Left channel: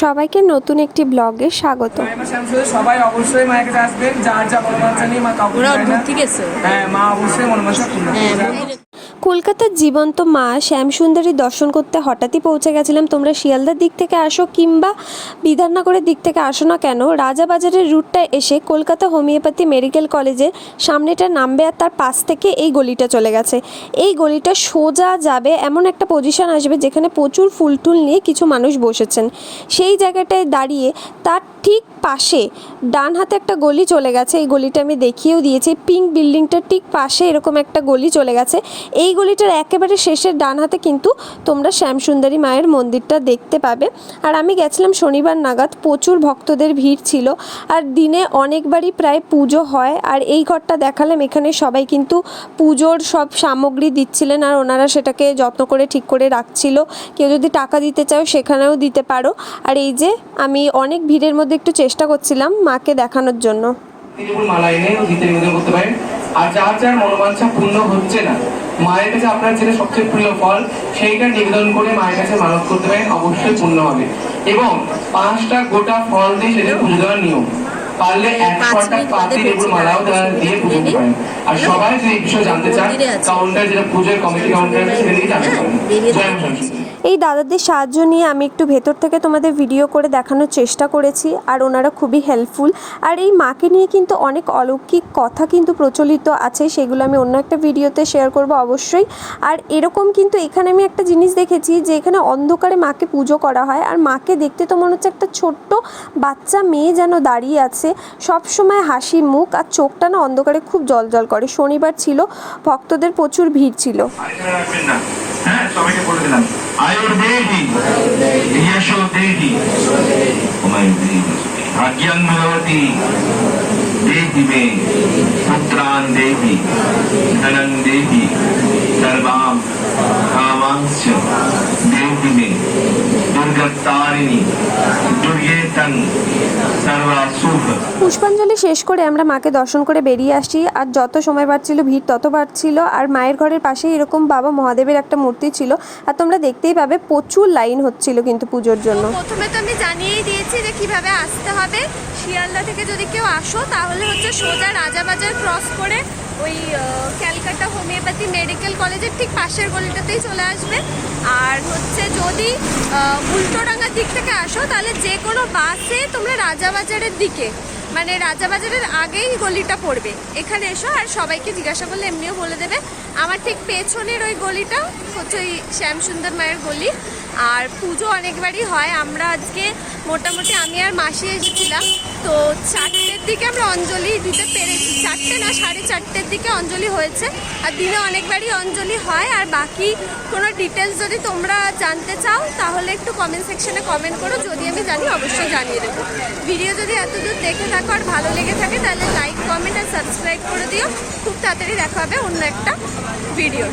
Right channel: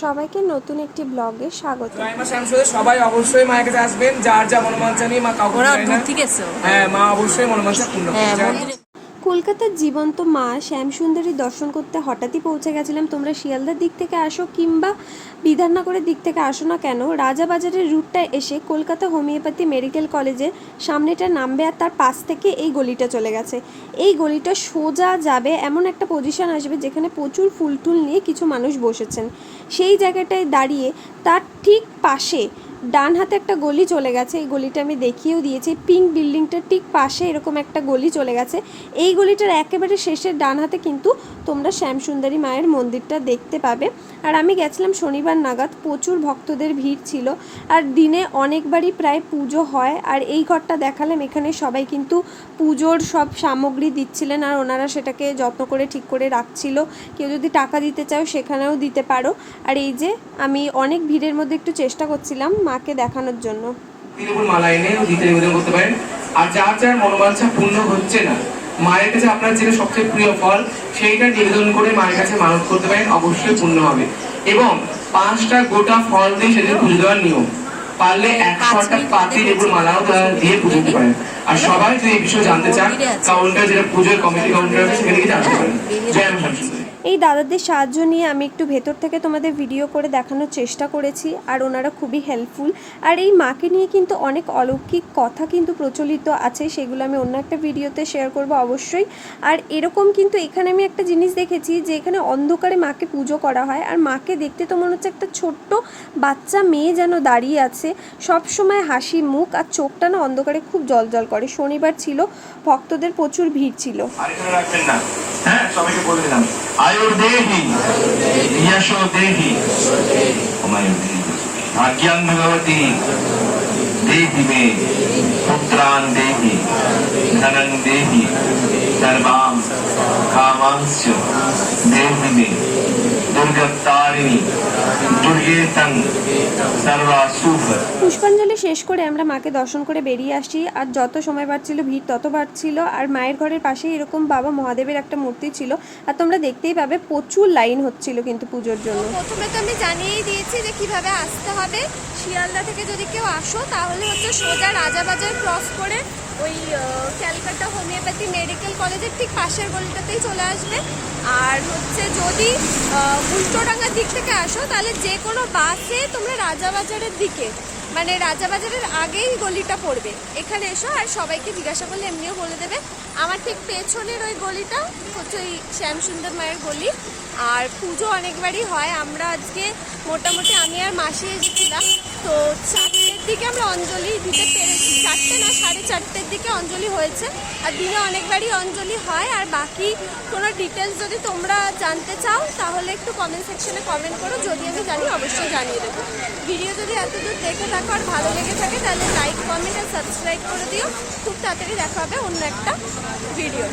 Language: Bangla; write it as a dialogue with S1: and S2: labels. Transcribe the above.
S1: সবাইকে নতুন একটি ব্লগে স্বাগত।
S2: সবাই অবশ্যই মায়ের কাছে আসবেন। যার যা মনোবাঞ্ছা নিয়ে মা কাউকে হ্যাঁ মা অবশ্যই মনোবাঞ্ছা পূর্ণ
S3: হ্যাঁ
S1: কলকাতার জীবন্ত মা শ্যামসুন্দরী দর্শন করতে হঠাৎই পৌঁছে গেছিলাম। তোমরা শিয়ালদার দিক থেকে আসো কিংবা বিধাননগরের দিক থেকে আসো না কেন? রাজাবাজারের রুটটা এসে কলকাতা হোমিওপ্যাথি মেডিকেল কলেজের সামনেটা নামবে আর তার পাশ থেকে এই গলিটা চলে গেছে। এই গলিটা সোজা যাবে এমন একটা পজিশন আসবে যেখানে প্রচুর ফুল টুল নিয়ে কিছু মানুষ বসেছেন। সেই জায়গাটায় দাঁড়িয়ে তার ঠিক পাশে, ডান হাতে একটা গলি চলে গেছে, এই গলিটা আমি দেখিয়েও দিয়েছি পিঙ্ক বিল্ডিংটার ঠিক পাশে এরকম একটা গলি চলে গেছে, এই গলিটার একেবারে শেষের ডান হাতে কিন্তু তোমরা শ্যামসুন্দরী মায়ের মন্দিরটা দেখতে পাবে। আর আমি গেছিলাম শনিবার নাগাদ, প্রচুর ভক্তদের ভিড় ছিল, আর দিনে অনেকবারই প্রায় পুজো হয়, আর এই ঘরটা দেখালাম, এখানে সবাই কিন্তু পুজোর সব সামগ্রী দিচ্ছিলেন, আর ওনারা সেটাকে যত্ন করে ঠিক করে রাখছিল। কেউ যদি টাকা দিতে চাও, সেখানেও দিতে পারো। আর এই যে, আমি অনেক ভিড়ের মধ্যে একটু চেষ্টা করছিলাম মাকে দেখানোর জন্য।
S2: মালা এনে নিবেদন করতে পারেন আর যার যার মনোবাঞ্ছা পূর্ণ হচ্ছে না, মায়ের কাছে আপনার যেটা সবচেয়ে প্রিয় ফল, সেইটা নিবেদন করে মায়ের কাছে মানত করতে পারেন অবশ্যই পূর্ণ হবে এবং পাঁচটা গোটা ফল দিয়ে সেটা পুজো দেওয়ার নিয়ম। পারলে পাতি লেবুর মালাও দিয়ে পুজো দিতে পারেন। আর সবাই যদি এই বিষয়ে জানতে চান কাউন্টার যেটা পুজোর কমিটি কাউন্টার আছে সেখানে গিয়ে জানতে পারেন। জয় শামসুন্দরী
S1: এই দাদাদের সাহায্য নিয়ে আমি একটু ভেতর থেকে তোমাদের ভিডিও করে দেখানোর চেষ্টা করেছি আর ওনারা খুবই হেল্পফুল আর এই মাকে নিয়ে কিন্তু অনেক অলৌকিক কথা কিন্তু প্রচলিত আছে সেগুলো আমি অন্য একটা ভিডিওতে শেয়ার করব অবশ্যই। আর এরকম কিন্তু এখানে আমি একটা জিনিস দেখেছি যে এখানে অন্ধকারে মাকে পুজো করা হয় আর মাকে দেখতে তো মনে হচ্ছে একটা ছোট্ট বাচ্চা মেয়ে যেন দাঁড়িয়ে আছে। সব সময় হাসি মুখ আর চোখটা না অন্ধকারে খুব জল করে। শনিবার ছিল, ভক্তদের প্রচুর ভিড় ছিল।
S4: আয়ুর দেহি ইয়াশো দেহি হুমায়ুন
S1: পুষ্পাঞ্জলি শেষ করে আমরা মাকে দর্শন করে বেরিয়ে আসি। আর যত সময় বাড়ছিল ভিড় তত বাড়ছিল। আর মায়ের ঘরের পাশে এরকম বাবা মহাদেবের একটা মূর্তি ছিল। আর তোমরা দেখতেই পাবে প্রচুর লাইন হচ্ছিল কিন্তু পুজোর জন্য।
S5: প্রথমে তো আমি জানিয়েই দিয়েছি যে কীভাবে আসতে হবে। শিয়ালদা থেকে যদি কেউ আসো তাহলে হচ্ছে সোজা রাজাবাজার ক্রস করে ওই ক্যালকাটা হোমিওপ্যাথি মেডিকেল কলেজের ঠিক পাশের গলিটাতেই চলে আসবে। আর হচ্ছে যদি উল্টোডাঙ্গার দিক থেকে আসো, তাহলে যে কোনো বাসে তোমরা রাজাবাজারের দিকে মানে রাজাবাজারের আগেই গলিটা পড়বে। এখানে এসো আর সবাইকে জিজ্ঞাসা করলে এমনিও বলে দেবে। আমার ঠিক পেছনের ওই গলিটা হচ্ছে ওই শ্যামসুন্দর মায়ের গলি। আর পুজো অনেকবারই হয়। আমরা আজকে মোটামুটি আমি আর মাসি এসেছিলাম। তো চারটের দিকে আমরা অঞ্জলি দিতে পেরেছি। চারটে না, সাড়ে চারটের দিকে অঞ্জলি হয়েছে। আর দিনে অনেকবারই অঞ্জলি হয়। আর বাকি কোনো ডিটেলস যদি তোমরা জানতে চাও, তাহলে একটু কমেন্ট সেকশনে কমেন্ট করো। যদি আমি জানি, অবশ্যই জানিয়ে দেবো। ভিডিও যদি এতদূর দেখে থাকো আর ভালো লেগে থাকে, তাহলে লাইক কমেন্ট আর সাবস্ক্রাইব করে দিও। খুব তাড়াতাড়ি দেখা হবে অন্য একটা ভিডিও